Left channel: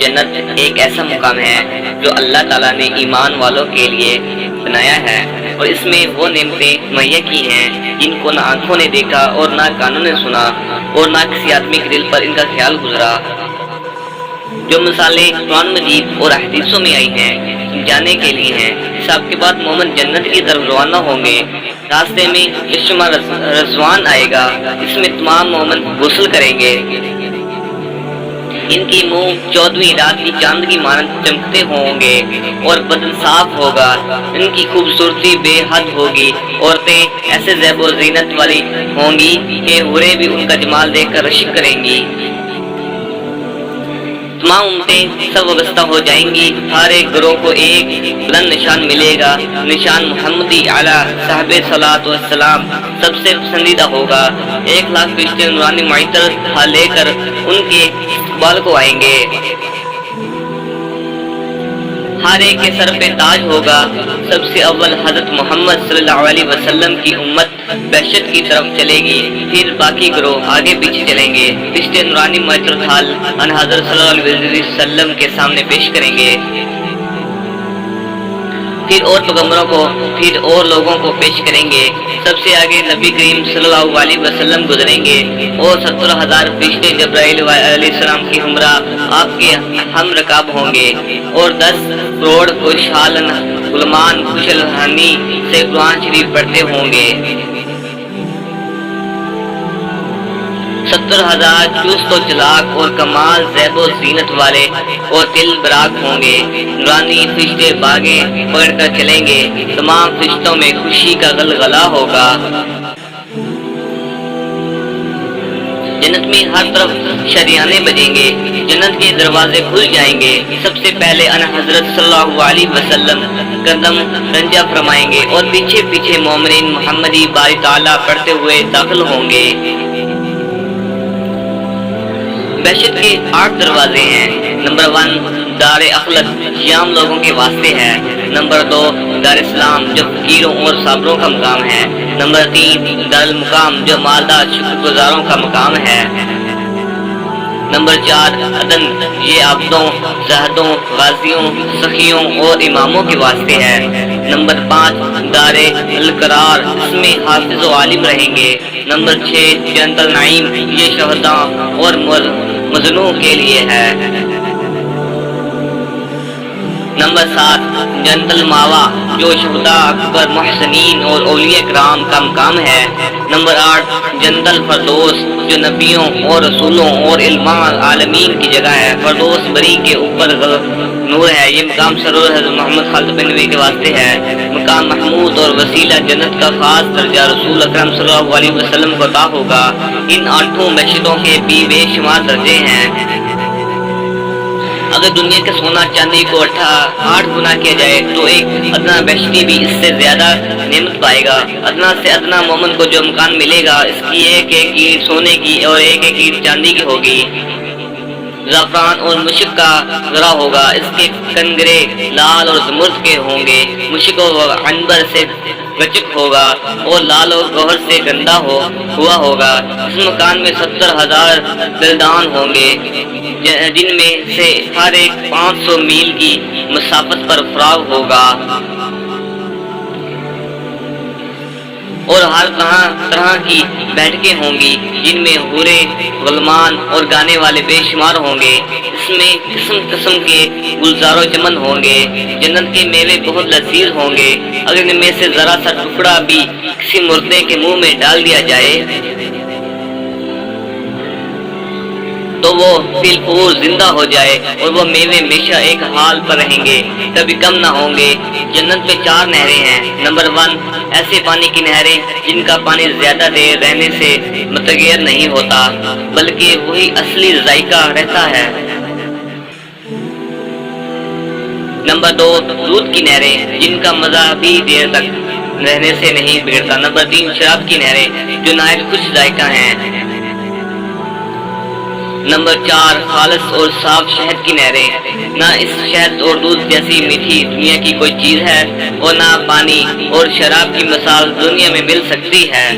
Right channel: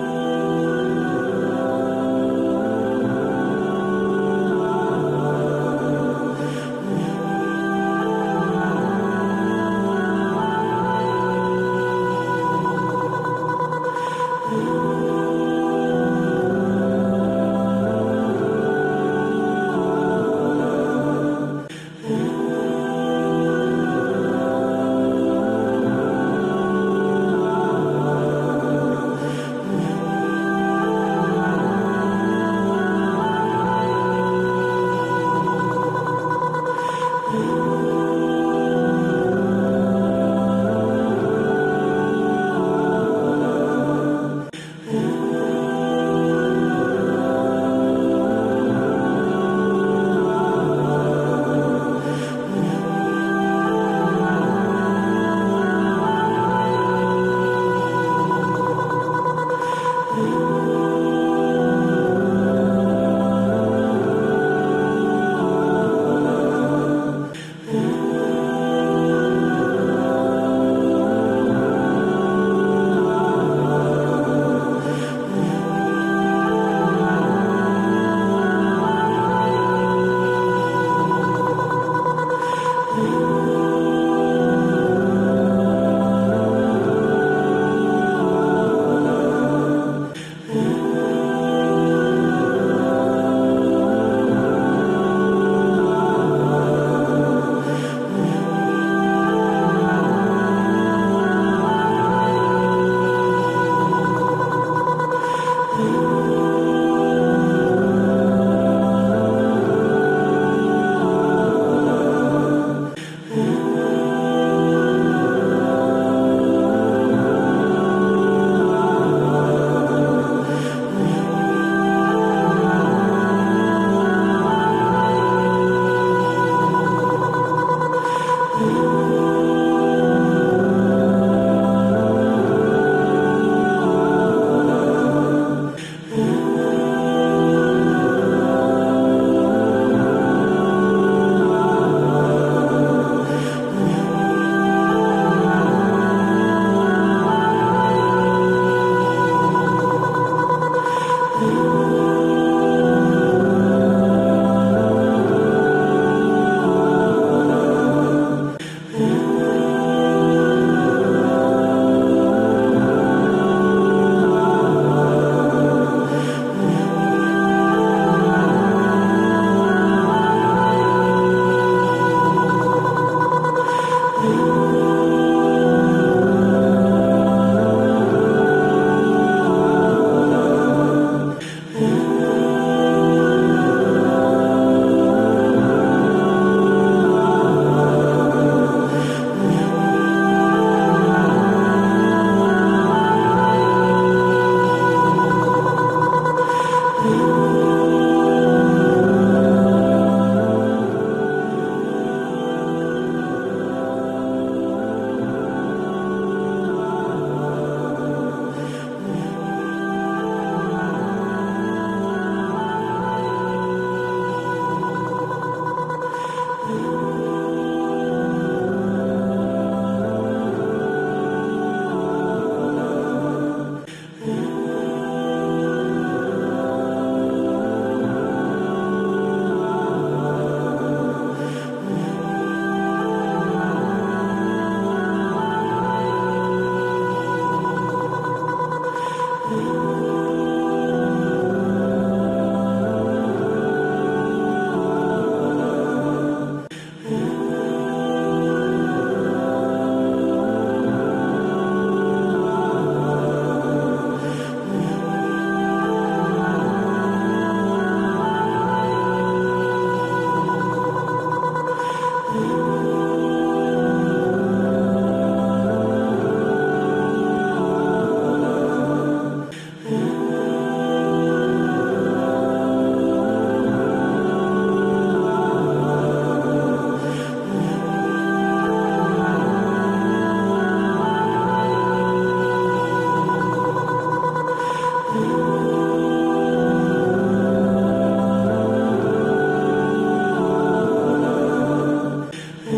جنت ایک ایسا مقام ہے جو اللہ تعالیٰ نے ایمان والوں کے لیے بنایا ہے، اور اس میں وہ نعمتیں مہیا کی ہیں جن کو نہ آنکھوں نے دیکھا اور نہ کانوں نے سنا اور نہ کسی آدمی کے دل پر ان کا خیال گزرا۔ جو مثالیں قرآن مجید اور حدیثوں میں آئی ہیں جانے کے لیے ہیں۔ حساب کے بعد مومن جنت کی طرف روانہ ہوں گے۔ راستے میں چشمہ رضوان آئے گا، اس میں تمام مومن غسل کریں گے۔ ان کی منہ 14ویں رات کی چاند کی مانند چمکتے ہوں گے اور بدن صاف ہوگا۔ ان کی خوبصورتی بے حد ہوگی۔ عورتیں ایسے زیب و زینت والی ہوں گی کہ حوریں بھی ان کا جمال دیکھ کر رشک کریں گی۔ تمام امتیں سب وابستہ ہو جائیں گی۔ ہر ایک گروہ کو ایک بلند نشان ملے گا۔ نشان محمدی اعلیٰ صاحب صلاۃ والسلام سب سے پسندیدہ ہوگا۔ 1,00,000 فرشتے نورانی معطر لے کر ان کے استقبال کو آئیں گے۔ ہر ایک کے سر پہ تاج ہوگا۔ سب سے اول حضرت محمد صلی اللہ علیہ وسلم کی امت بہشت کی طرف چلے گی، پھر باقی گروہ آگے پیچھے چلیں گے۔ فرشتے نورانی معطر ان حضرت صلی اللہ علیہ وسلم کے سامنے پیش کریں گے، پھر اور پیغمبروں کو، پھر اور لوگوں کو پیش کریں گے۔ سب سے آگے نبی کریم صلی اللہ علیہ وسلم گزریں گے اور 70,000 فرشتے جبرائیل علیہ السلام کی ہمراہ آپ کے ہم رکاب ہوں گے، اور 10 کروڑ خوشحال غلامان خوشحالانی سے قرآن شریف پڑھتے ہوں گے۔ 70,000 چست و چلاک اور کمال زیب و زینت والے اور دل براق ہوں گے۔ نورانی فرشتے باغیں پکڑ کر چلیں گے۔ تمام فرشتوں میں خوشی کا غلغلہ ہوگا۔ جنت میں ہر طرف شریانے بجیں گے، جنت کے دروازے کھل جائیں گے۔ سب سے پہلے حضرت صلی اللہ علیہ وسلم قدم رنجہ فرمائیں گے اور پیچھے پیچھے مومنین محمدی باری تعالیٰ پڑھتے ہوئے داخل ہوں گے۔ بہشت کے 8 دروازے ہیں۔ نمبر 1 دار اخلد، شیام لوگوں کے واسطے ہے۔ نمبر 2 دار اسلام، جو فقیروں اور صابروں کا مقام ہے۔ نمبر 3 دار المقام، جو مالدار شکر گزاروں کا مقام ہے۔ نمبر 4 عدن، یہ عبدوں، زاہدوں، غازیوں، سخیوں اور اماموں کے واسطے ہے۔ نمبر 5 دار القرار، اس میں حافظ و عالم رہیں گے۔ نمبر 6 جنت النعیم، یہ شہداء اور مظلوموں کے لیے ہے۔ نمبر 7 جنت الماوا، جو شہداء، اکبر، محسنین اور اولیاء کرام کا مقام ہے۔ نمبر 8 جنت الفردوس، جو نبیوں اور رسولوں اور علماء عالمین کی جگہ ہے۔ فردوس بری کے اوپر نور ہے، یہ مقام سرور حضرت محمد خالد بن نبی کے واسطے ہے۔ مقام محمود اور وسیلہ جنت کا خاص درجہ رسول اکرم صلی اللہ علیہ وسلم کو عطا ہوگا۔ ان 8 بہشتوں کے بھی بے شمار درجے ہیں۔ اگر دنیا کے سونا چاندی کو 8 گنا کیا جائے تو ایک ادنا بہشتی بھی اس سے زیادہ نعمت پائے گا۔ ادنا سے ادنا مومن کو جو مکان ملے گا، اس کی ایک اینٹ سونے کی اور ایک اینٹ چاندی کی ہوگی۔ زعفران اور مشک کا ذرا ہوگا، اس کے کنگرے لال اور زمرد کے ہوں گے۔ مشک و عنبر سے گچک ہوگا اور لال اور گوہر سے گندا ہوا ہوگا۔ اس مکان میں 70,000 بلدان ہوں گے، جن میں سے ہر ایک 500 میل کی مسافت پر فراغ ہوگا، اور ہر طرح کی بیٹھکیں ہوں گی، جن میں حوریں، غلمان اور گانے والے بے شمار ہوں گے۔ اس میں قسم قسم کے گلزار و چمن ہوں گے۔ جنت کے میوے بہت لذیذ ہوں گے۔ اگر ان میں سے ذرا سا ٹکڑا بھی کسی مردے کے منہ میں ڈال دیا جائے تو وہ بالکل زندہ ہو جائے، اور وہ میوے ہمیشہ ایک حال پر رہیں گے، کبھی کم نہ ہوں گے۔ جنت میں 4 نہریں ہیں۔ نمبر 1 ایسے پانی کی نہریں جن کا پانی زیادہ دیر رہنے سے متغیر نہیں ہوتا، بلکہ وہی اصلی ذائقہ رہتا ہے۔ نمبر 2 دودھ کی نہریں جن کا مزہ بھی دیر تک رہنے سے نہیں بگڑتا۔ نمبر 3 شراب کی نہریں جو نہایت خوش ذائقہ ہیں۔ نمبر 4 خالص اور صاف شہد کی نہریں، نہ اس شہد اور دودھ جیسی میٹھی دنیا کی کوئی چیز ہے، اور نہ پانی اور شراب کی مثال دنیا میں مل سکتی ہے۔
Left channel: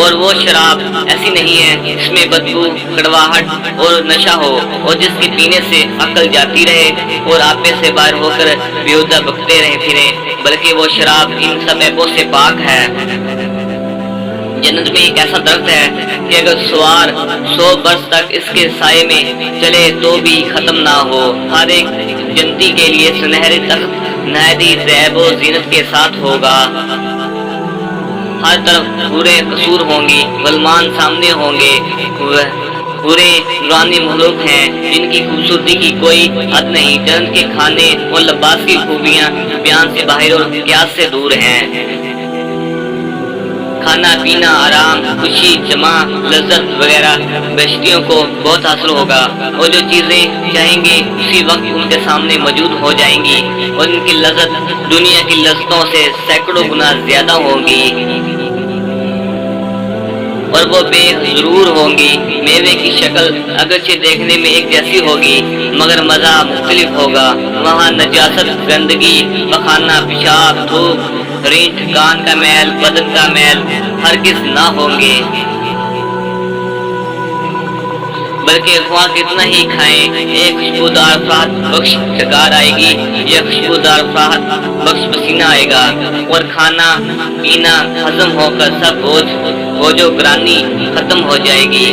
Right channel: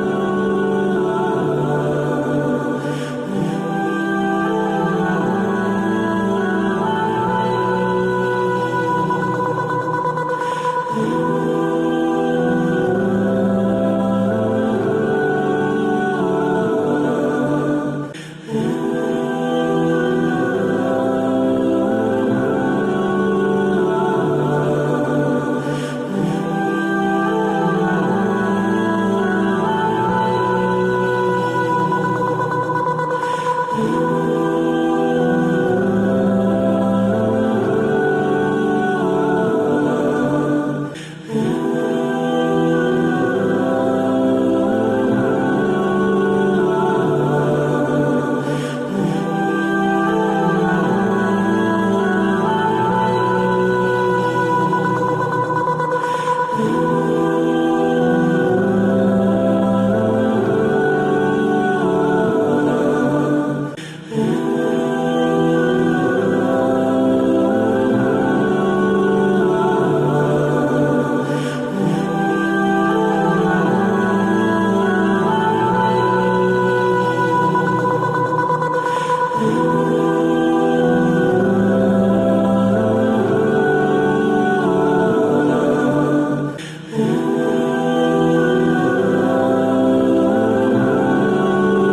اور وہ شراب ایسی نہیں ہے جس میں بدبو، کڑواہٹ اور نشہ ہو، اور جس کے پینے سے عقل جاتی رہے اور آپے سے باہر ہو کر بیہودہ بکتے رہے پھرے، بلکہ وہ شراب ان سب عیبوں سے پاک ہے۔ جنت میں ایک ایسا درخت ہے کہ اگر سوار 100 برس تک اس کے سائے میں چلے تو بھی ختم نہ ہو۔ ہر ایک جنتی کے لیے سنہرے تخت نہایت زیب و زینت کے ساتھ ہوگا۔ ہر طرف پورے قصور ہوں گی، غلمان سامنے ہوں گے، پورے نورانی مخلوق ہیں جن کی خوبصورتی کی کوئی حد نہیں۔ جنت کے کھانے اور لباس کی خوبیاں بیان سے باہر اور قیاس سے دور ہیں۔ کھانا پینا، آرام، خوشی، جمع، لذت وغیرہ بہشتیوں کو بہت حاصل ہوگا، اور جو چیزیں چاہیں گے اسی وقت ان کے سامنے موجود ہو جائیں گی، اور ان کی لذت دنیا کی لذتوں سے سینکڑوں گنا زیادہ ہوں گی، اور وہ بے ضرور ہوں گی۔ میوے کی شکل اگرچہ دیکھنے میں ایک جیسی ہوگی مگر مزہ مختلف ہوگا۔ وہاں نجاست، گندگی، پخانہ، پیشاب، دھوپ، ریچھ، کان کا میل، بدن کا میل ہرگز نہ ہوں گے، بلکہ خواہ کتنا ہی کھائیں ایک خوشبودار فرحت بخش شکار آئے گی، یہ خوشبودار فرحت بخش پسینہ آئے گا، اور کھانا پینا ہضم ہو کر سب بوجھ و گرانی ختم ہو جائے گی۔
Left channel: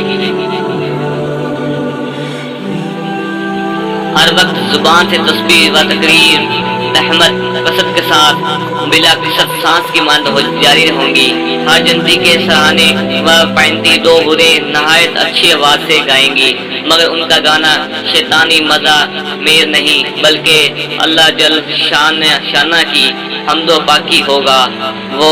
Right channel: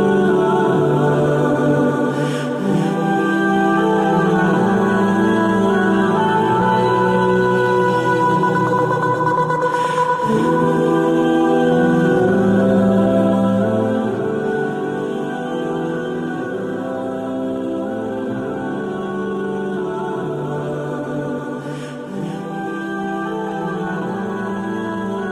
ہر وقت زبان سے تسبیح و تقریر، رحمت، قصد کے ساتھ بلا قصد سانس کی مانند جاری رہوں گی۔ ہر جنتی کے سراہنے و پائنتی دو حوریں نہایت اچھی آواز سے گائیں گی، مگر ان کا گانا شیطانی مزہ میر نہیں بلکہ اللہ جل شانہ کی حمد و پاکی ہوگا۔ وہ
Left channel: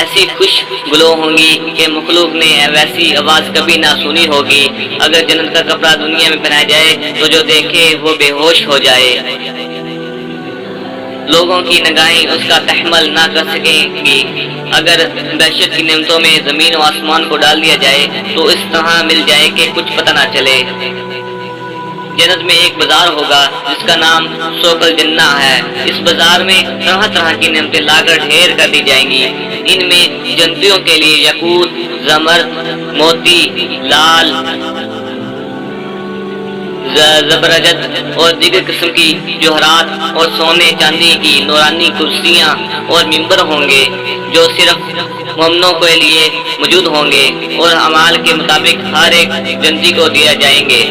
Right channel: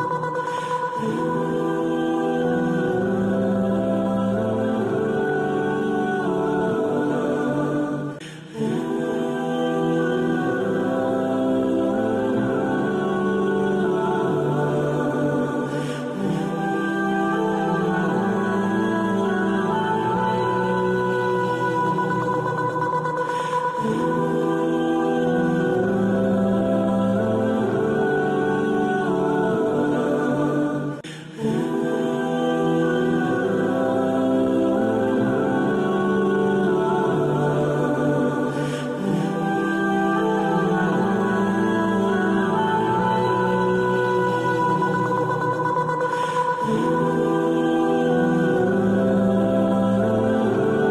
ایسی خوش گلو ہوں گی کہ مخلوق نے ویسی آواز کبھی نہ سنی ہوگی۔ اگر جنت کا کپڑا دنیا میں پہنایا جائے تو جو دیکھے وہ بے ہوش ہو جائے، لوگوں کی نگاہیں اس کا تحمل نہ کر سکیں گی۔ اگر دہشت کی نعمتوں میں زمین و آسمان کو ڈال دیا جائے تو اس طرح مل جائے کہ کچھ پتہ نہ چلے۔ جنت میں ایک بازار ہوگا جس کا نام سوق الجنہ ہے۔ اس بازار میں طرح طرح کی نعمتیں لا کر ڈھیر کر دی جائیں گی۔ ان میں جنتیوں کے لیے یاقوت، زمرد، موتی، لال، زبرجد اور دیگر قسم کی جوہرات اور سونے چاندی کی نورانی کرسیاں اور ممبر ہوں گے جو صرف مومنوں کے لیے موجود ہوں گے، اور اعمال کے مطابق ہر ایک جنتی کو دیا جائیں گے۔